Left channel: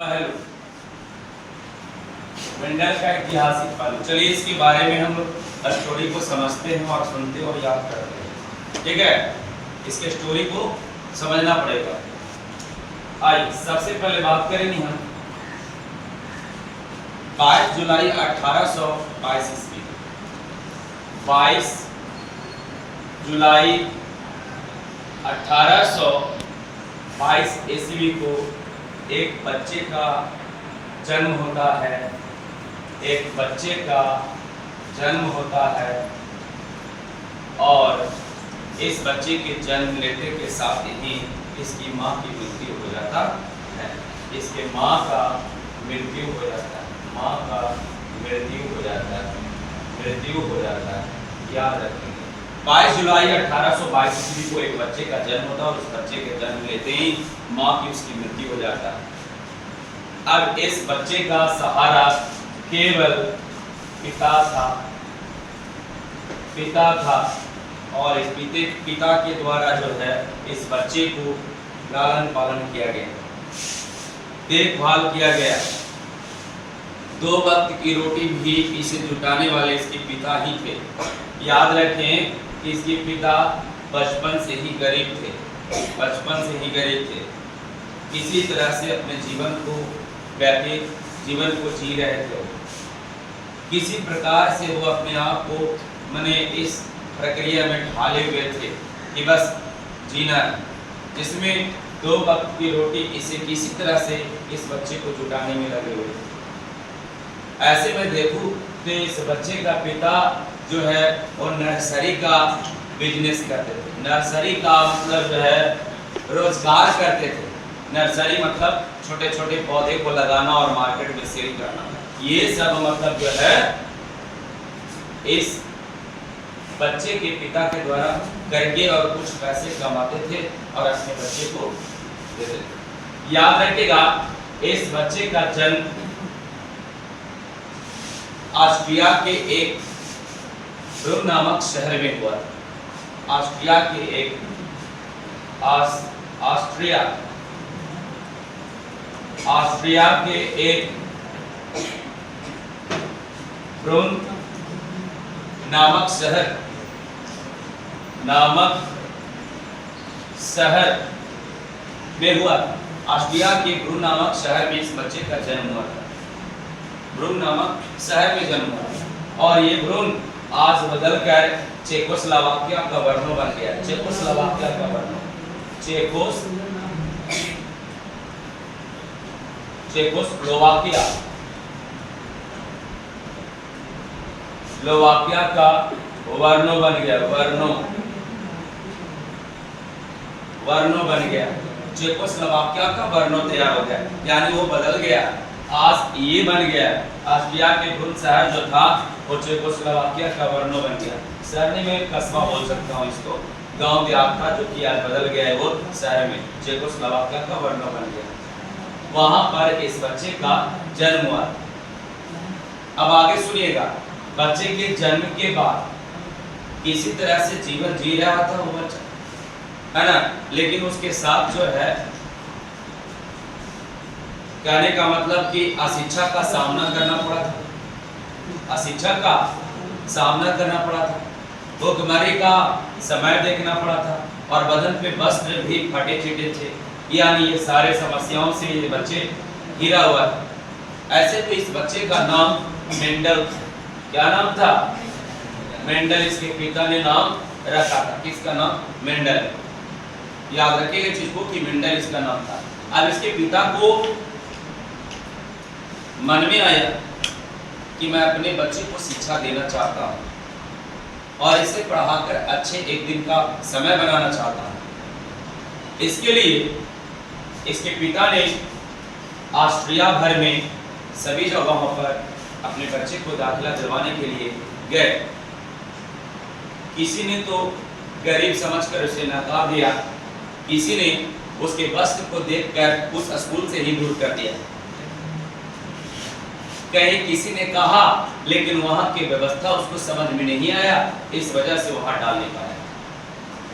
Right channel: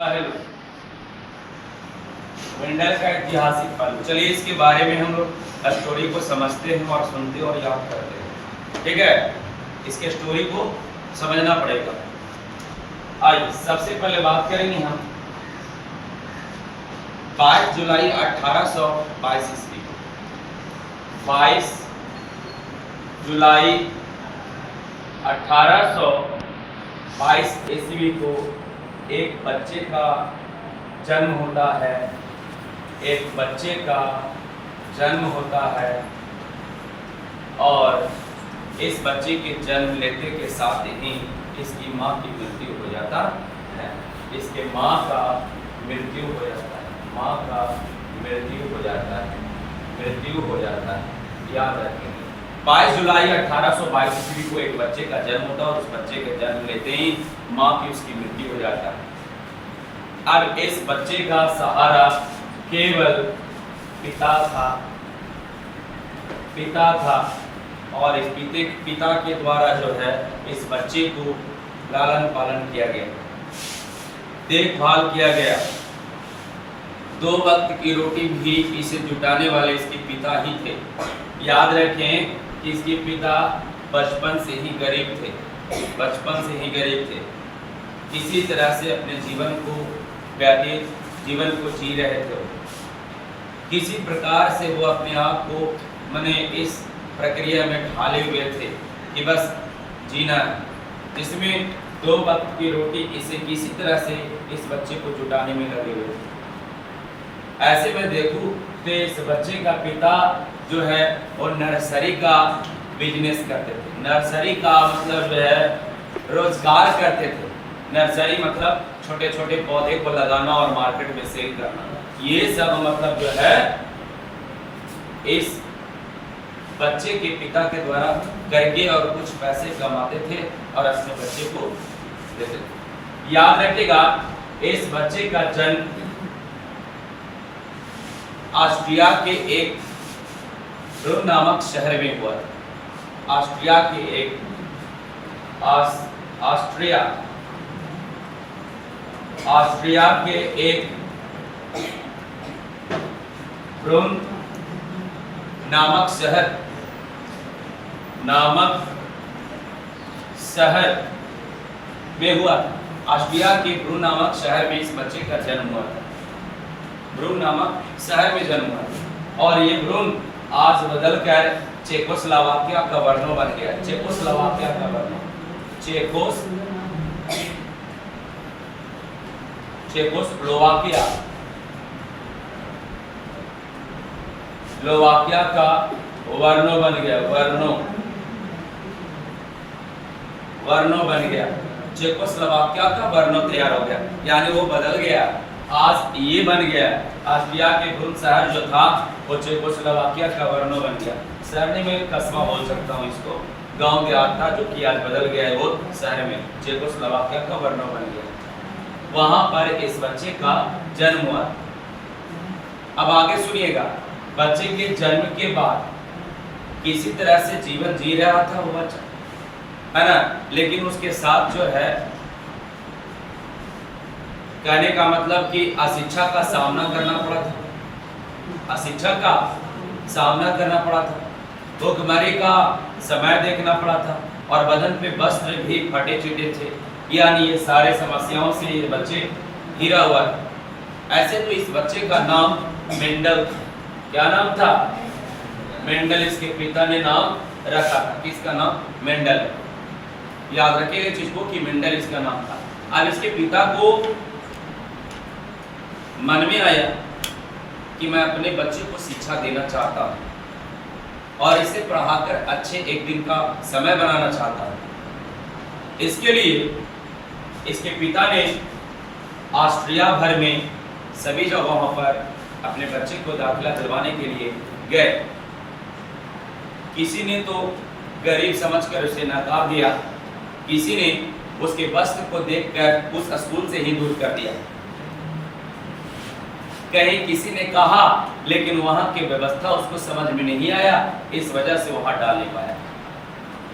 Hello, Mendel का ऐतिहासिक पहलू। चलिए इसके बारे में हम लोग स्टोरी को समझते हैं और सुनते हैं और याद करते हैं। ठीक है, इसके स्टोरी को समझना पड़ेगा। आइए सबसे पहले बात करेंगे हम 22 जुलाई 1822 ईस्वी। 22 जुलाई 1822 ईस्वी को एक बच्चे का जन्म होता है। एक बच्चे का जन्म होता है और इस बच्चे के जन्म लेते के साथ ही इसकी माँ की मृत्यु हो जाता है। इसके माँ का मृत्यु हो जाता है। माँ का मृत्यु हो जाता है। मृत्यु हो जाता है, याद रखेंगे। 22 जुलाई 1822 ईस्वी को एक बच्चे का जन्म होता है और उस बच्चे के जन्म लेते ही माँ की उसकी मृत्यु हो जाता है। अब इस बच्चे का सहारा केवल पिता था। पिता था और इस पिता के द्वारा जो है इस बच्चे को लालन पालन किया गया, देखभाल किया गया। 2 वक्त की रोटी भी इसे जुटाने वाले इसके पिता ही थे। याद रखें कि इसके पिता बचपन से ही गरीब थे। बचपन से ही गरीब थे। किसी तरह से अपने जीवन को जी रहे थे। किसी प्रकार से वो अपने आप को मने इस प्रक्रिया में ढाले हुए थे कि बस जीना है, जिसमें 2 वक्त की रोटी इसे किसी तरह से इस बच्चे को जुटाने में लगे हुए थे। ऐसे में देखूं तो इस बच्चे का पिता जो है वो नर्सरी का बिजनेस करते थे। नर्सरी का मतलब जो है रोजगार करते थे। नर्सरी मतलब छोटे छोटे पौधे को लगाना और मार्केट में सेल करना, ये सब मतलब जो है इस बच्चे के पिता के द्वारा करके और कुछ पैसे कमाते थे और अपने बच्चे को देते थे। याद रखिएगा, इस बच्चे का जन्म ऑस्ट्रिया के एक ब्रून नामक शहर में हुआ। ऑस्ट्रिया के एक ऑस्ट्रिया के एक ब्रून नामक शहर में हुआ। ऑस्ट्रिया के ब्रून नामक शहर में इस बच्चे का जन्म हुआ। ब्रून नामक शहर में जन्म हुआ और ये ब्रून आज बदलकर चेकोस्लोवाकिया का वर्नो बन गया। चेकोस्लोवाकिया का वर्नो चेकोस्लोवाकिया स्लोवाकिया का वर्नो बन गया। वर्नो बन गया। चेकोस्लोवाकिया का वर्नो तैयार हो गया, यानी वो बदल गया। आज ये बन गया। ऑस्ट्रिया के ब्रून शहर जो था वो चेकोस्लोवाकिया का वर्नो बन गया। शहर नहीं, मैं कस्बा बोल सकता हूँ इसको। गांव देहात था जो कि आज बदल गया है वो शहर में। चेकोस्लोवाकिया का वर्नो बन गया। वहां पर इस बच्चे का जन्म हुआ। अब आगे सुनिएगा। बच्चे के जन्म के बाद किसी तरह से जीवन जी रहा था वो बच्चा, है ना, लेकिन उसके साथ जो है कहने का मतलब कि अशिक्षा का सामना करना पड़ा था। अशिक्षा का सामना करना पड़ा था। भूखमरी का समय देखना पड़ा था और बदन पे वस्त्र भी फटे चिटे थे। यानी ये सारे समस्याओं से ये बच्चे घिरा हुआ था। ऐसे तो इस बच्चे का नाम मेंडल था। क्या नाम था? मेंडल। इसके पिता ने नाम रखा था। किसका नाम? मेंडल। याद रखिएगा इस चीज को कि मेंडल इसका नाम था। अब इसके पिता को मन में आया कि मैं अपने बच्चे को शिक्षा देना चाहता हूं और इसे पढ़ाकर अच्छे एक दिन का समय बनाना चाहता हूं। इसके लिए इसके पिता ने ऑस्ट्रिया भर में सभी जगहों पर अपने बच्चे को दाखिला दिलवाने के लिए गए। किसी ने तो गरीब समझकर उसे नकार दिया, किसी ने उसके वस्त्र को देखकर उस स्कूल से ही दूर कर दिया। कहीं किसी ने कहा, लेकिन वहां की व्यवस्था उसको समझ में नहीं आया, इस वजह से वहां डाल नहीं पाया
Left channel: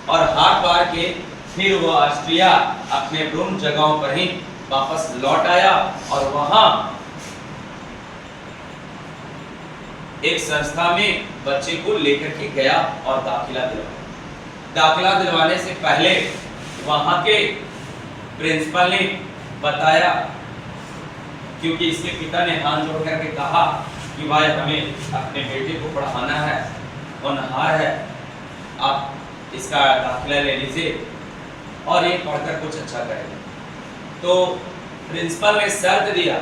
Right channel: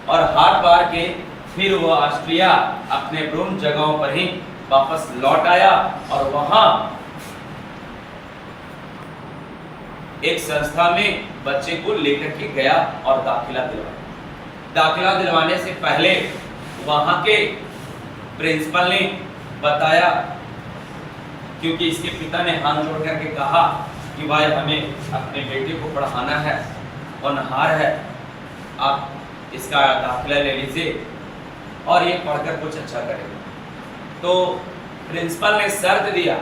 और हार बार के फिर वह ऑस्ट्रिया अपने ब्रून जगहों पर ही वापस लौट आया और वहां एक संस्था में बच्चे को लेकर के गया और दाखिला दिलवाया। दाखिला दिलवाने से पहले वहां के प्रिंसिपल ने बताया, क्योंकि इसके पिता ने हाथ जोड़ करके कहा कि भाई हमें अपने बेटे को पढ़ाना है, होनहार है, आप इसका दाखिला ले लीजिए और ये पढ़कर कुछ अच्छा करेगा। तो प्रिंसिपल ने शर्त दिया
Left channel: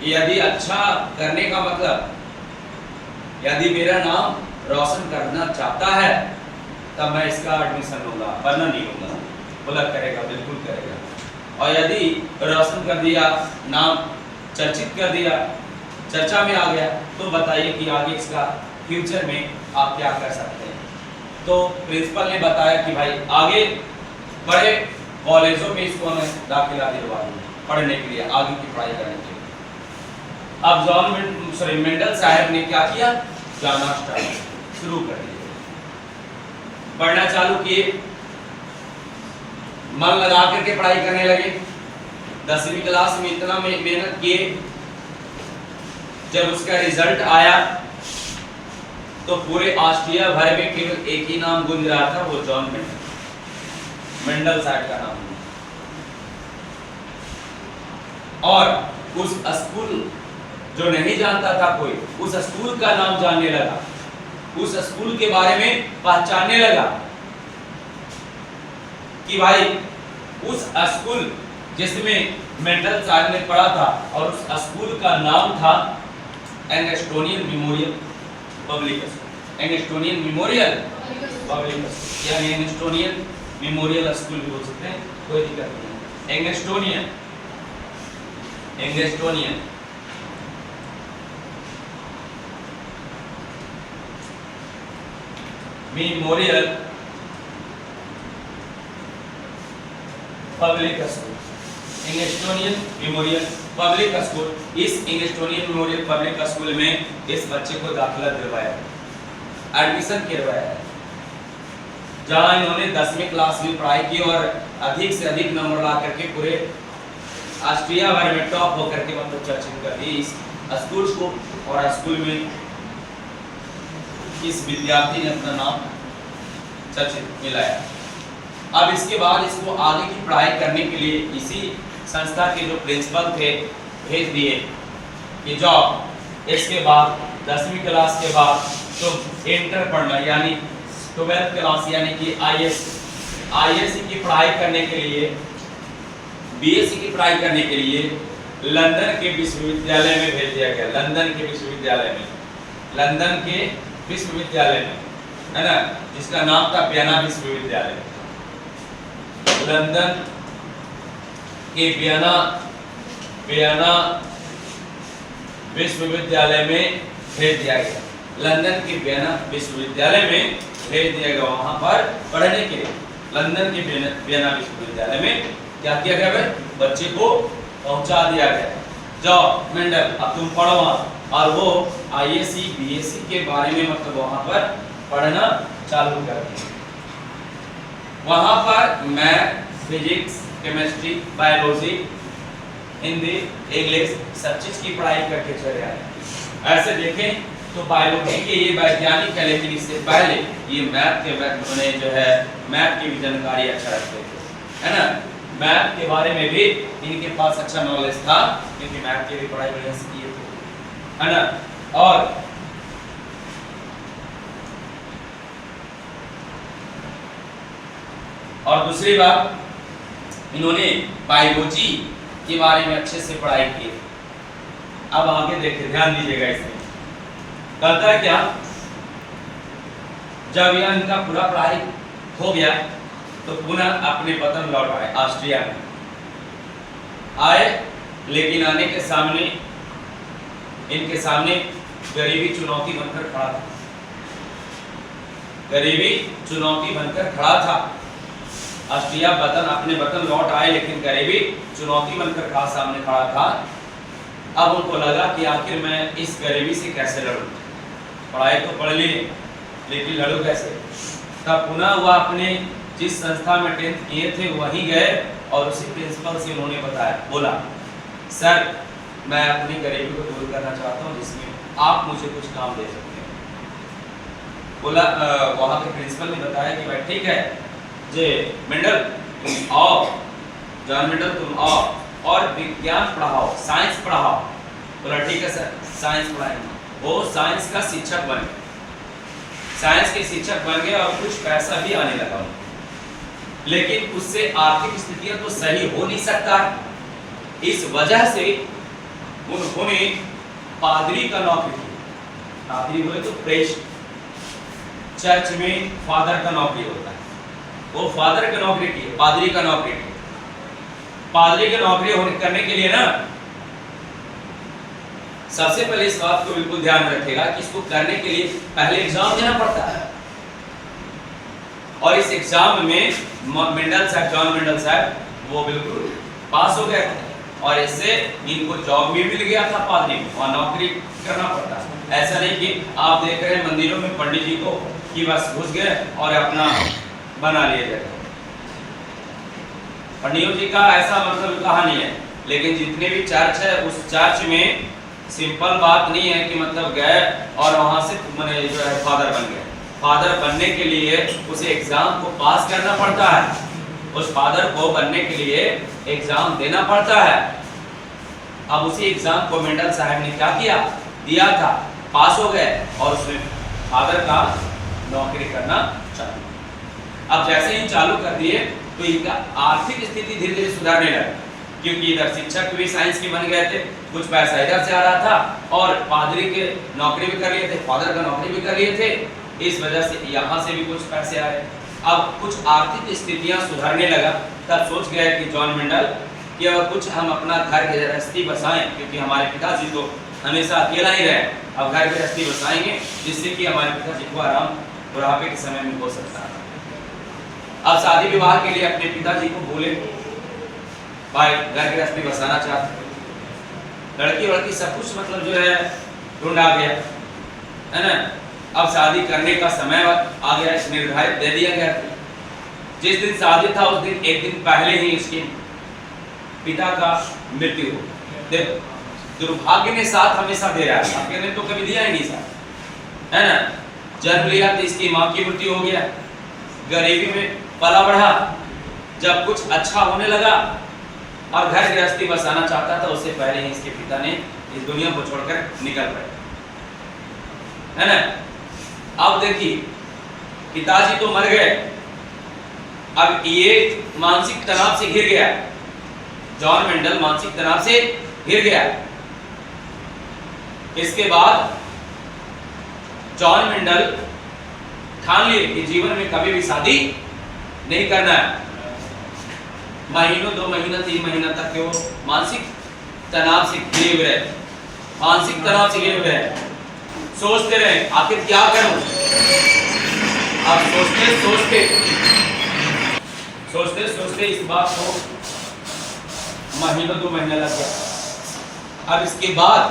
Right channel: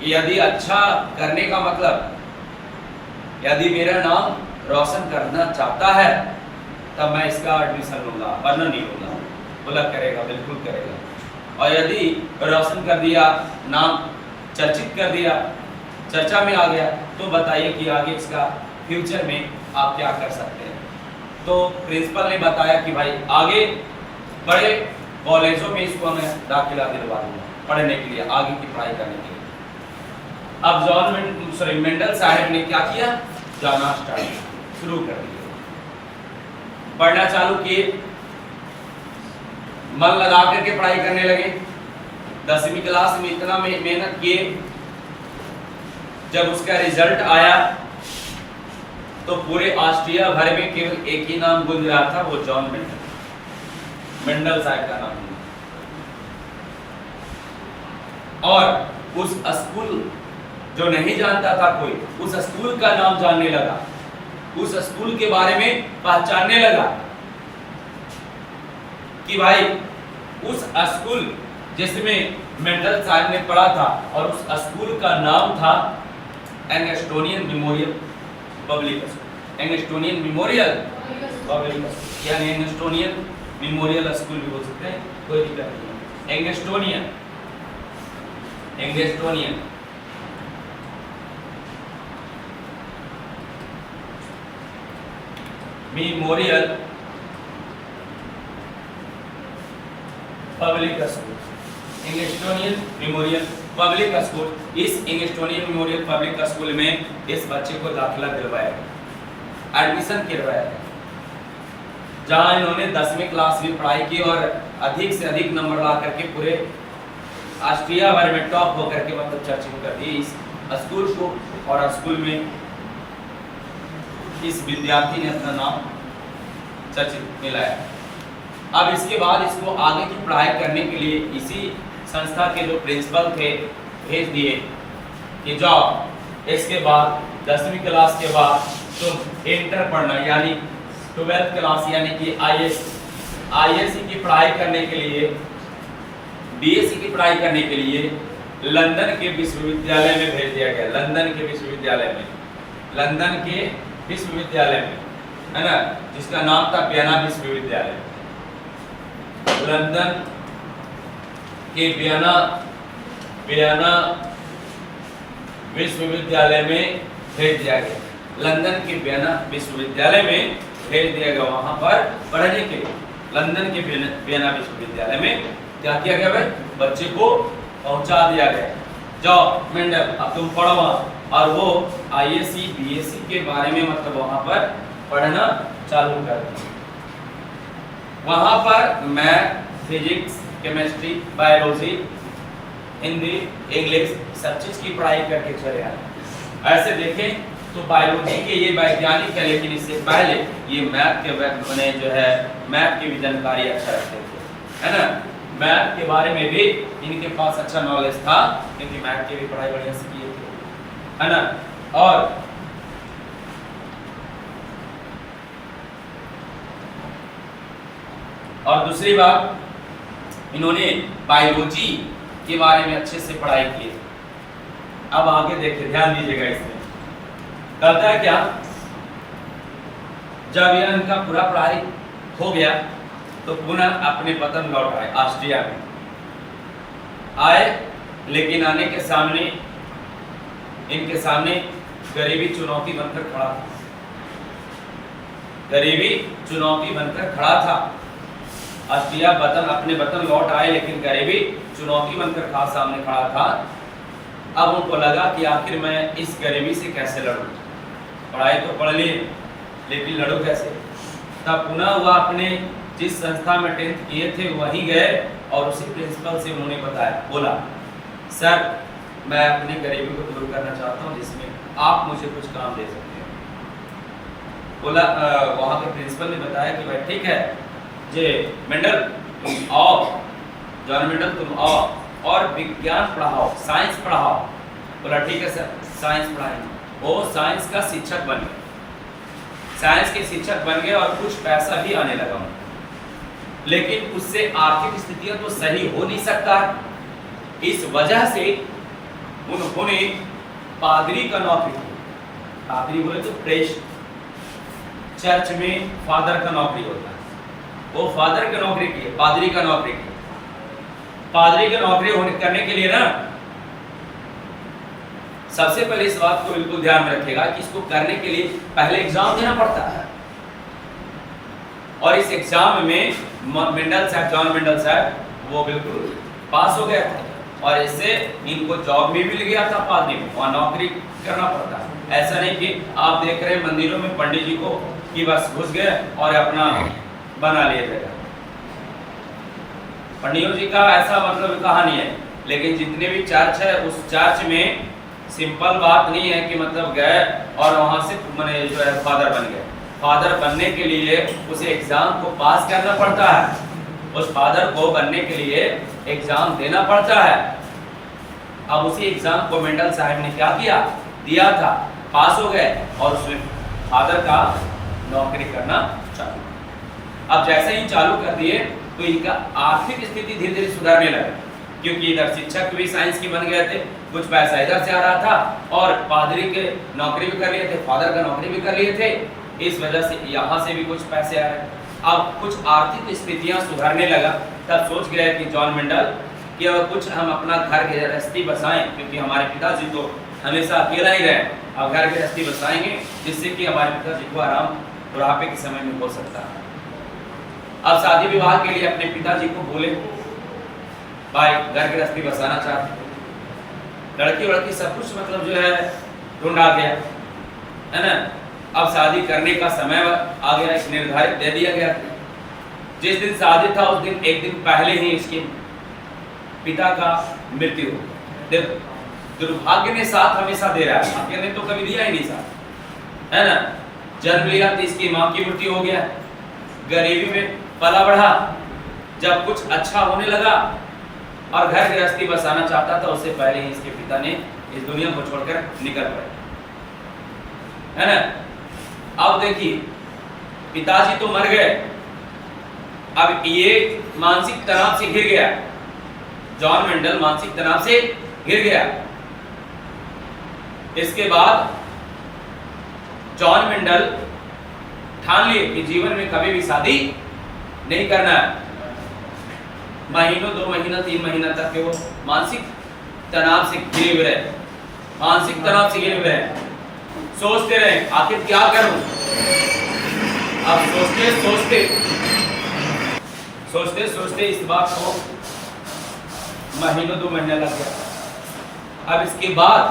कि यदि अच्छा करने का मतलब, यदि मेरा नाम रोशन करना चाहता है तब मैं इसका एडमिशन लूँगा, वरना नहीं लूँगा। बोला करेगा, बिल्कुल करेगा। और यदि रोशन कर दिया, नाम चर्चित कर दिया, चर्चा में आ गया, तो बताइए कि आगे इसका फ्यूचर में आप क्या कर सकते हैं। तो प्रिंसिपल ने बताया कि भाई आगे बड़े कॉलेजों में इसको मैं दाखिला दिलवा दूंगा पढ़ने के लिए, आगे की पढ़ाई करने के लिए। अब मेंडल साहब ने क्या किया, जाना स्टार्ट शुरू कर दिया, पढ़ना चालू किए, मन लगा करके पढ़ाई करने लगे। 10वीं क्लास में इतना मेहनत किए, जब उसका रिजल्ट आया तो पूरे ऑस्ट्रिया भर में केवल एक ही नाम गूंज रहा था, वो जॉन मेंडल साहब का नाम। और उस स्कूल जो नहीं जानता था कोई, उस स्कूल का नाम जानने लगा, उस स्कूल के बारे में पहचानने लगा कि भाई उस स्कूल जिसमें मेंडल साहब ने पढ़ा था, और उस स्कूल का नाम था Angstonian memorial public school. Angstonian memorial public school यानी एंगस्टोनियन मेमोरियल स्कूल भी बोल सकते हैं, कोई दिक्कत नहीं। Angstonian memorial public school, Angstonian memorial public school. इस एंगस्टोनियन मेमोरियल पब्लिक स्कूल में इस बच्चे को दाखिला दिलवाया, एडमिशन करवाया, जहां इन्होंने 10वीं क्लास में पढ़ाई की और अधिक से अधिक नंबर ला करके पूरे ऑस्ट्रिया भर में टॉप होकर के मतलब चर्चित कर दी इस स्कूल को। और स्कूल में इस विद्यार्थी ने अपना नाम चर्चित मिलाया। अब इसके बाद इसको आगे की पढ़ाई करने के लिए इसी संस्था के जो प्रिंसिपल थे भेज दिए कि जाओ इसके बाद 10वीं क्लास के बाद तुम इंटर पढ़ना, यानी 12th क्लास यानी कि आईएससी की पढ़ाई करने के लिए, बीएससी की पढ़ाई करने के लिए लंदन के विश्वविद्यालय में भेज दिया गया। लंदन के विश्वविद्यालय में, है ना, जिसका नाम था वियना विश्वविद्यालय। लंदन के वियना विश्वविद्यालय में भेज दिया गया। लंदन के वियना विश्वविद्यालय में भेज दिया गया, वहां पर पढ़ने के लिए। लंदन के वियना विश्वविद्यालय में क्या किया गया भाई, बच्चे को पहुंचा दिया गया, जाओ मेंडल अब तुम पढ़ो वहां। और वो आईएससी बीएससी के बारे में मतलब वहां पर पढ़ना चालू कर दिया। वहां पर math, physics, chemistry, biology, Hindi, English सब चीज की पढ़ाई करके चले आए। ऐसे देखें तो बायोलॉजी के ये वैज्ञानिक है, लेकिन इससे पहले ये मैथ के जो है मैथ की भी जानकारी अच्छा रखते थे, है ना। मैथ के बारे में भी इनके पास अच्छा नॉलेज था, क्योंकि मैथ की भी पढ़ाई बढ़िया से किए थे, है ना। और दूसरी बात, इन्होंने बायोलॉजी के बारे में अच्छे से पढ़ाई की। अब आगे देखिए, ध्यान दीजिएगा इसमें कहता है क्या, जब यह इनका पूरा पढ़ाई हो गया तो पुनः अपने वतन लौट आए, ऑस्ट्रिया में आए। लेकिन आने के सामने इनके सामने गरीबी चुनौती बनकर खड़ा था। गरीबी चुनौती बनकर खड़ा था। ऑस्ट्रिया अपने वतन लौट आए, लेकिन गरीबी चुनौती बनकर सामने खड़ा था। अब उनको लगा कि आखिर मैं इस गरीबी से कैसे लड़ूं। पढ़ाई तो पढ़ ली, लेकिन लड़ूं कैसे। तब पुनः वह अपने जिस संस्था में 10th किए थे वहीं गए और उसी प्रिंसिपल से उन्होंने बताया, बोला सर मैं अपनी गरीबी को दूर करना चाहता हूँ जिसमें आप मुझे कुछ काम दे सकते हो। बोला वहाँ के प्रिंसिपल ने बताया कि भाई ठीक है जे मेंडल तुम आओ, जॉन मेंडल तुम आओ और विज्ञान पढ़ाओ, साइंस पढ़ाओ। बोला ठीक है सर साइंस पढ़ाएंगे। वो साइंस का शिक्षक बन गए, साइंस के शिक्षक बन गए और कुछ पैसा भी आने लगा उनको, लेकिन उससे आर्थिक स्थितियां तो सही हो नहीं सकता। इस वजह से उन्होंने पादरी का नौकरी की। पादरी बोले तो प्रेस्ट, चर्च में फादर का नौकरी होता है, वो फादर का नौकरी की, पादरी का नौकरी की। पादरी की नौकरी करने के लिए ना सबसे पहले इस बात को बिल्कुल ध्यान में रखेगा कि इसको करने के लिए पहले एग्जाम देना पड़ता है, और इस एग्जाम में मेंडल साहब, जॉन मेंडल साहब वो बिल्कुल पास हो गए और इससे इनको जॉब भी मिल गया था पादरी को, वहाँ नौकरी करना पड़ता है। ऐसा नहीं कि आप देख रहे हैं मंदिरों में पंडित जी को कि बस घुस गए और अपना बना लिया जाएगा। पंडियों जी का ऐसा मतलब कहानी है, लेकिन जितने भी चर्च है उस चर्च में सिंपल बात नहीं है कि मतलब गए और वहाँ से मैंने जो है फादर बन गए। फादर बनने के लिए उसे एग्जाम को पास करना पड़ता है, उस फादर को बनने के लिए एग्जाम देना पड़ता है। अब उसी एग्जाम को मेंडल साहब ने क्या किया, दिया था, पास हो गए और उसमें फादर का नौकरी करना चालू। अब जैसे ही चालू कर दिए तो इनका आर्थिक स्थिति धीरे धीरे सुधारने लगा, क्योंकि इधर शिक्षक भी साइंस की बन गए थे, कुछ पैसा इधर से आ रहा था और पादरी के नौकरी भी कर लिए थे, फादर का नौकरी भी कर लिए थे, इस वजह से यहाँ से भी कुछ पैसे आ रहे। अब कुछ आर्थिक स्थितियाँ सुधारने लगा, तब सोच गया कि जॉन मेंडल कि अब कुछ हम अपना घर गृहस्थी बसाएं, क्योंकि हमारे पिताजी तो हमेशा अकेला ही रहे, अब घर गृहस्थी बसाएंगे जिससे कि हमारे पिताजी को आराम बुढ़ापे के समय में हो सकता है। अब शादी विवाह के लिए अपने पिताजी को बोले भाई घर गृहस्थी बसाना चाहते, लड़की वड़की सब कुछ मतलब जो है ढूंढा गया है ना। अब शादी करने का समय आ गया, निर्धारित दे दिया गया। जिस दिन शादी था उस दिन एक दिन पहले ही इसके पिता का मृत्यु हो। देखो दुर्भाग्य ने साथ हमेशा दे रहा है, भाग्य ने तो कभी दिया ही नहीं साथ, है ना। जन्म लिया तो इसकी माँ की मृत्यु हो गया, गरीबी में पला बढ़ा, जब कुछ अच्छा होने लगा और घर गृहस्थी बसाना चाहता था उससे पहले ही इसके पिता ने इस दुनिया को छोड़कर निकल पड़े, है ना। अब देखिए पिताजी तो मर गए, अब ये मानसिक तनाव से घिर गया, जॉन मेंडल मानसिक तनाव से घिर गया। इसके बाद जॉन मेंडल ठान लिए कि जीवन में कभी भी शादी नहीं करना है। महीनों 2 महीना 3 महीना तक के वो मानसिक तनाव से घिरे हुए रहे, मानसिक तनाव से घिरे हुए रहे, सोचते रहे आखिर क्या करूं। अब सोचते सोचते इस बात को महीनों 2 महीना लग गया। अब इसके बाद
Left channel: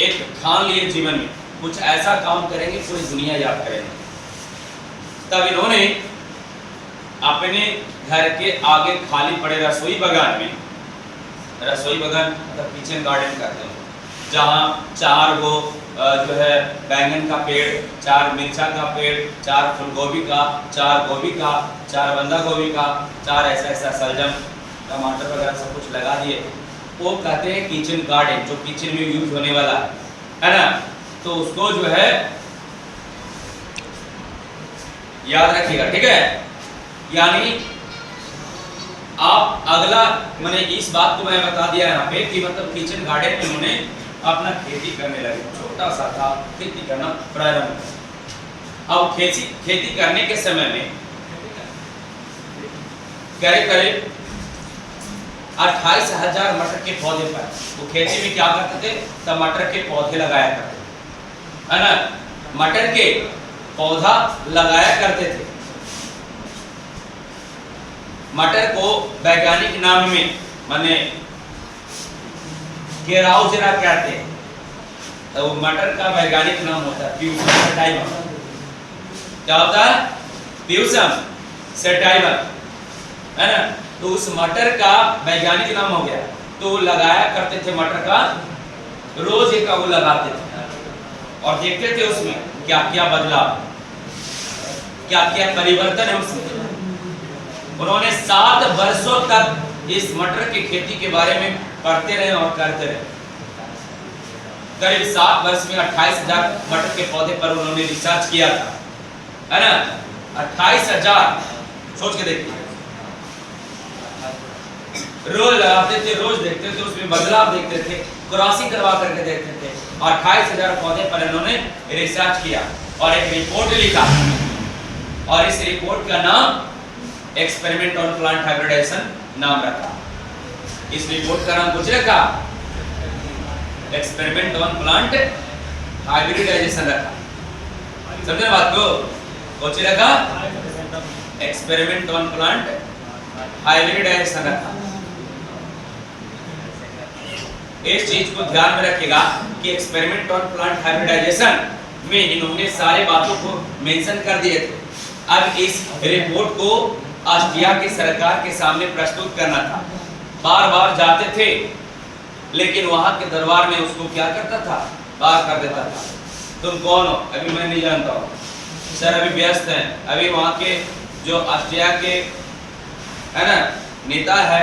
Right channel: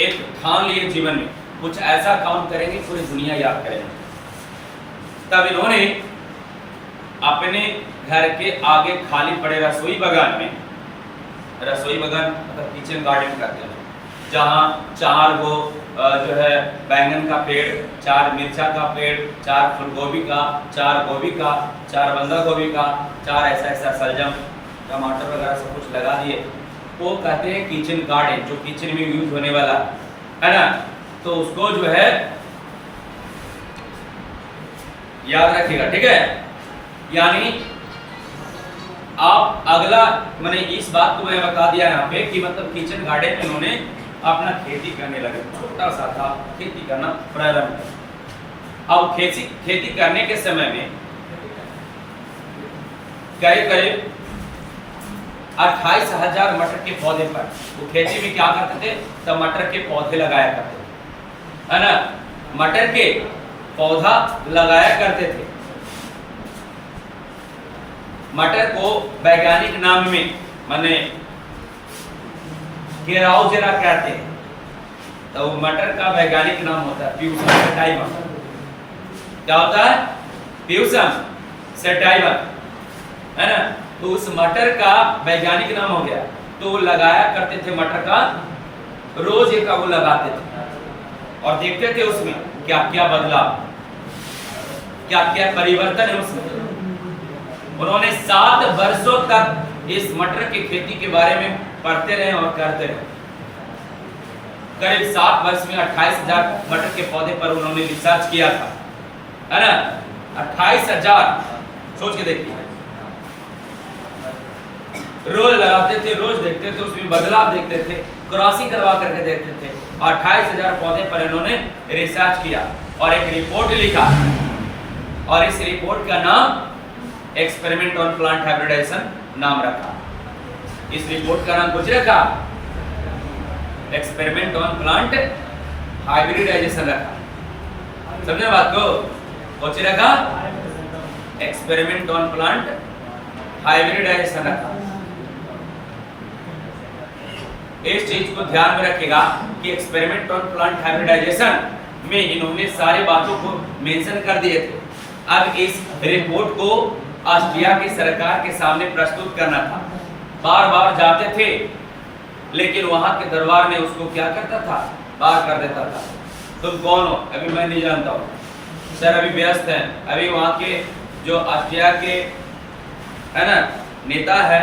एक ठान लिए जीवन में कुछ ऐसा काम करेंगे पूरी दुनिया याद करेंगे। तब इन्होंने अपने घर के आगे खाली पड़े रसोई बगान में, रसोई बगान मतलब किचन गार्डन कहते हैं, जहाँ 4 गो जो है बैंगन का पेड़, 4 मिर्चा का पेड़, 4 फूलगोभी का, 4 गोभी का, 4 बंदा गोभी का, 4 ऐसा सलजम टमाटर वगैरह सब कुछ लगा दिए। वो कहते हैं किचन गार्डन, जो किचन में यूज होने वाला है ना। तो उसको जो है याद रखिएगा, ठीक है। यानी आप अगला मैंने इस बात को मैंने बता दिया यहाँ पे कि मतलब किचन गार्डन में उन्होंने अपना खेती करने लगे, छोटा सा था, खेती करना प्रारंभ किया। अब खेती करने के समय में करीब 28,000 मटर के पौधे पर, वो खेती में क्या करते थे, टमाटर के पौधे लगाया करते थे, है ना। मटर के पौधा लगाया करते थे। मटर को वैज्ञानिक नाम में माने केराउजेरा कहते हैं, तो मटर का वैज्ञानिक नाम होता है प्यूसम सेटाइवा। क्या होता है? प्यूसम सेटाइवा। है ना। तो उस मटर का वैज्ञानिक नाम हो गया। तो लगाया करते थे मटर का, रोज एक वो लगाते थे और देखते थे उसमें क्या क्या बदलाव, क्या क्या परिवर्तन है उसमें। उन्होंने 7 वर्षों तक इस मटर की खेती के बारे में पढ़ते रहे और करते रहे। करीब 7 वर्ष में 28,000 मटर के पौधे पर उन्होंने रिसर्च किया था, है ना। 28,000, सोच के देखिए। रोज लगाते थे, रोज देखते थे, उसमें बदलाव देखते थे, क्रॉसिंग करवा करके देखते थे। 28,000 पौधे पर इन्होंने रिसर्च किया और एक रिपोर्ट लिखा, और इस रिपोर्ट का नाम एक्सपेरिमेंट ऑन प्लांट हाइब्रिडाइजेशन नाम रखा। इस रिपोर्ट का नाम कुछ रखा, एक्सपेरिमेंट ऑन प्लांट हाइब्रिडाइजेशन रखा। समझे बात को? कुछ रखा, एक्सपेरिमेंट ऑन प्लांट हाइब्रिडाइजेशन रखा। इस चीज को ध्यान में रखेगा कि एक्सपेरिमेंट ऑन प्लांट हाइब्रिडाइजेशन में इन्होंने सारे बातों को मेंशन कर दिए थे। अब इस रिपोर्ट को ऑस्ट्रिया की सरकार के सामने प्रस्तुत करना था। बार बार जाते थे, लेकिन वहां के दरबार में उसको क्या करता था, बाहर कर देता था। तुम कौन हो? अभी मैं नहीं जानता हूँ सर, अभी व्यस्त हैं। अभी वहां के जो ऑस्ट्रिया के है ना नेता है,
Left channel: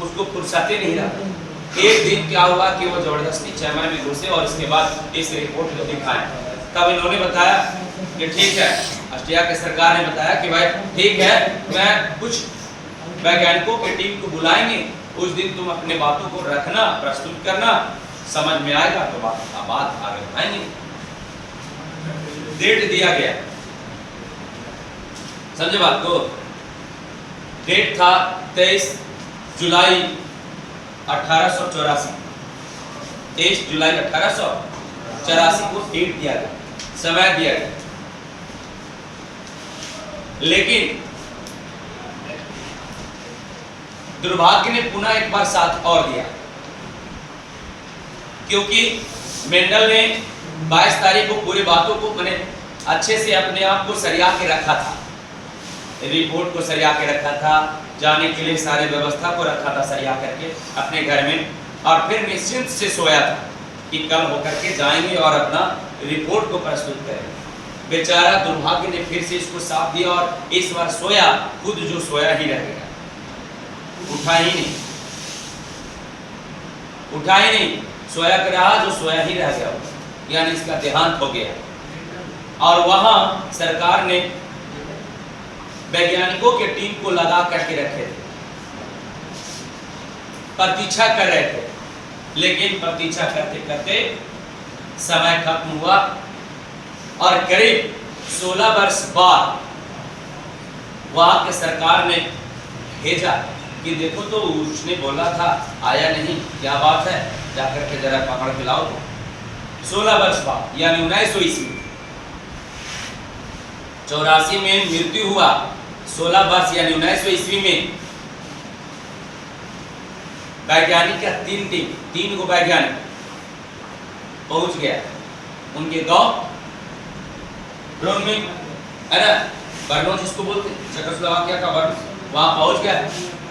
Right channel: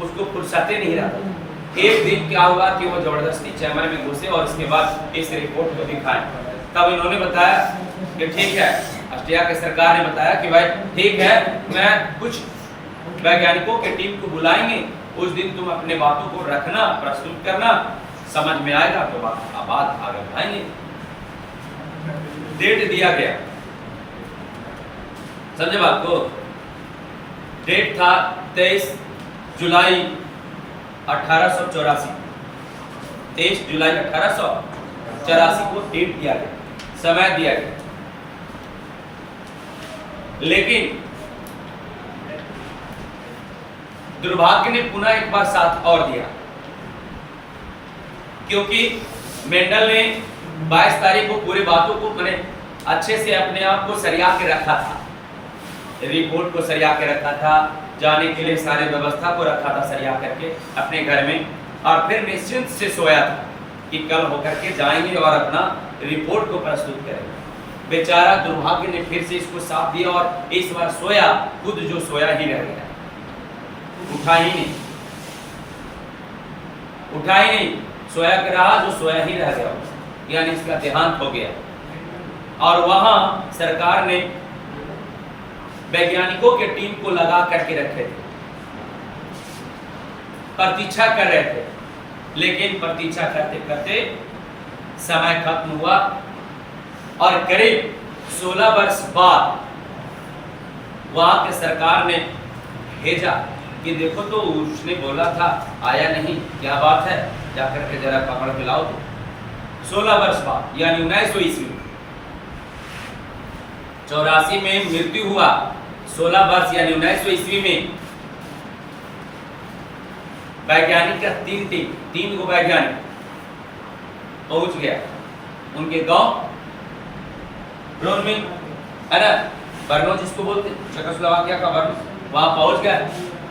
उसको फुर्सत नहीं रहा। एक दिन क्या हुआ कि वो जबरदस्ती चैम्बर में घुसे और उसके बाद इस रिपोर्ट को दिखाएं। तब इन्होंने बताया कि ठीक है, ऑस्ट्रिया की सरकार ने बताया कि भाई ठीक है, मैं कुछ वैज्ञानिकों की टीम को बुलाएंगे, उस दिन तुम अपने बातों को रखना, प्रस्तुत करना, समझ में आएगा तो बात आगे बढ़ाएंगे। डेट दिया गया, समझे बात को? डेट था 23 जुलाई 1884। 23 जुलाई 1884 को डेट दिया गया, समय दिया गया। लेकिन दुर्भाग्य ने पुनः एक बार साथ और दिया, क्योंकि मेंडल ने 22 तारीख को पूरी बातों को मैंने अच्छे से अपने आप को सरिया के रखा था, रिपोर्ट को सरिया के रखा था, जाने के लिए सारे व्यवस्था को रखा था सरिया करके अपने घर में, और फिर निश्चिंत से सोया था कि कल होकर के जाएंगे और अपना रिपोर्ट को प्रस्तुत करेंगे। बेचारा दुर्भाग्य ने फिर से इसको साथ दिया और इस बार सोया, खुद जो सोया ही रह गया, उठा ही नहीं, उठा ही नहीं, सोया के रहा जो सोया ही रह गया, यानी इसका देहांत हो गया। और वहां सरकार ने वैज्ञानिकों के टीम को लगा करके रखे थे, प्रतीक्षा कर रहे थे, लेकिन प्रतीक्षा करते करते समय खत्म हुआ और करीब 16 वर्ष बाद वहां के सरकार ने भेजा कि देखो तो उसने बोला था, आया नहीं, क्या बात है, जाकर के जरा पकड़ के लाओ। 16 वर्ष बाद यानी 1900 ईस्वी, 84 में मृत्यु हुआ, 16 वर्ष यानी 1900 ईस्वी में वैज्ञानिक का 3 गो वैज्ञानिक पहुंच गया उनके गांव ब्रोन में, है ना, बर्नो जिसको बोलते चेकोस्लोवाकिया का बर्नो, वहां पहुंच गया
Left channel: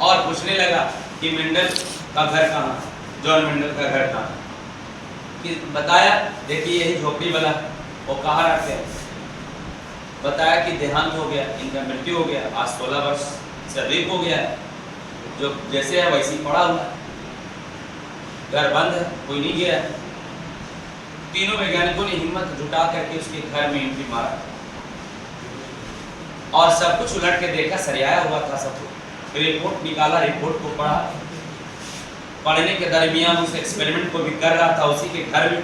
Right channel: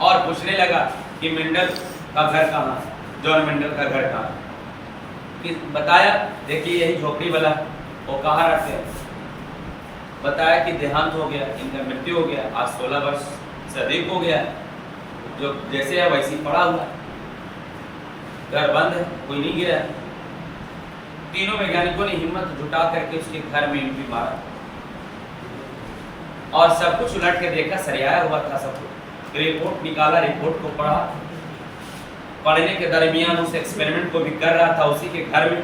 और पूछने लगा कि मेंडल का घर कहाँ है, जॉन मेंडल का घर कहाँ है। कि बताया, देखिए यही झोपड़ी वाला, वो कहाँ रहते हैं। बताया कि देहांत हो गया, इनका मृत्यु हो गया, आज 16 वर्ष से अधिक हो गया, जो जैसे है वैसे ही पड़ा हुआ, घर बंद है, कोई नहीं गया। तीनों वैज्ञानिकों ने हिम्मत जुटा करके उसके घर में एंट्री मारा और सब कुछ उलट के देखा, सरियाया हुआ था सब कुछ। रिपोर्ट निकाला, रिपोर्ट को पढ़ा, पढ़ने के दरमियान उस एक्सपेरिमेंट को भी कर रहा था उसी के घर में,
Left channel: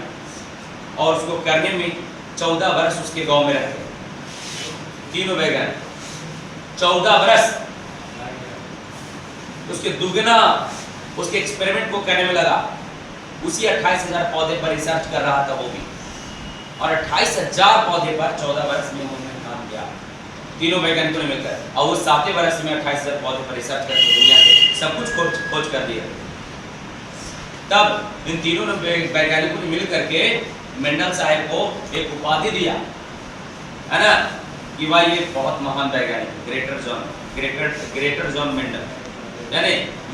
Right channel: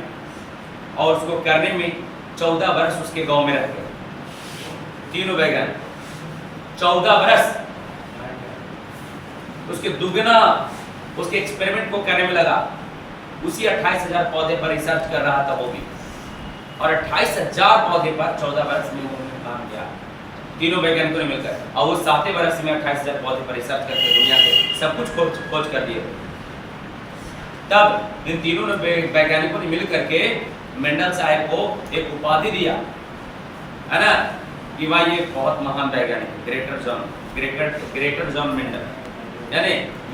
और उसको करने में 14 वर्ष उसके गांव में रह गए तीनों वैज्ञानिक। 14 वर्ष उसके दुगना उसके एक्सपेरिमेंट को करने में लगा। उसी 28,000 पौधे पर रिसर्च कर रहा था वो भी, और 28,000 पौधे पर 14 वर्ष में उन्होंने काम किया तीनों वैज्ञानिकों ने मिलकर, और उस 7वें वर्ष में 28,000 पौधे पर रिसर्च करके दुनिया के सब कुछ खोज कर दिए। तब इन तीनों वैज्ञानिकों ने मिल करके मेंडल साहब को एक उपाधि दिया, है ना, कि भाई ये बहुत महान वैज्ञानिक ग्रेटर जॉन मेंडल,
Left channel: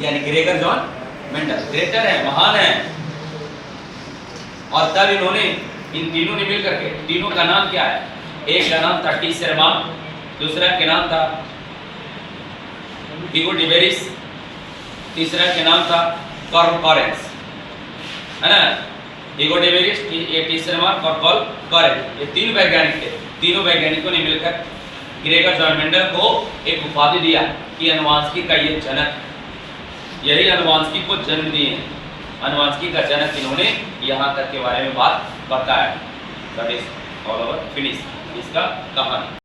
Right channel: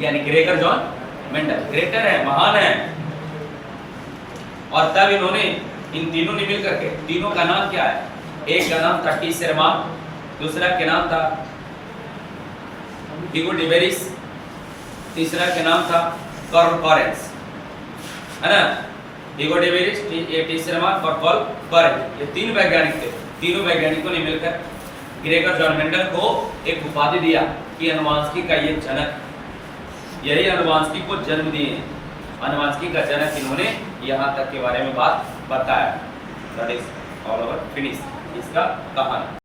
यानी ग्रेगर जॉन मेंडल ग्रेटर है, महान है। और तब इन्होंने, इन तीनों ने मिलकर के, तीनों का नाम क्या है, एक का नाम था टी शेरमान, दूसरा के नाम था हिगो डिबेरिस, तीसरा के नाम था कार्ल कॉरेंस, है ना। हिगो डिबेरिस, टी शेरमान और कार्ल कॉरेंस, ये तीन वैज्ञानिक थे। तीनों वैज्ञानिकों ने मिलकर ग्रेगर जॉन मेंडल को एक उपाधि दिया कि अनुवांशिकी का ये जनक, यही अनुवांशिकी को जन्म दिए। अनुवांशिकी का जनक इन्होंने यहाँ तक के बारे में बात बताया। That is all over finish इसका कहानी।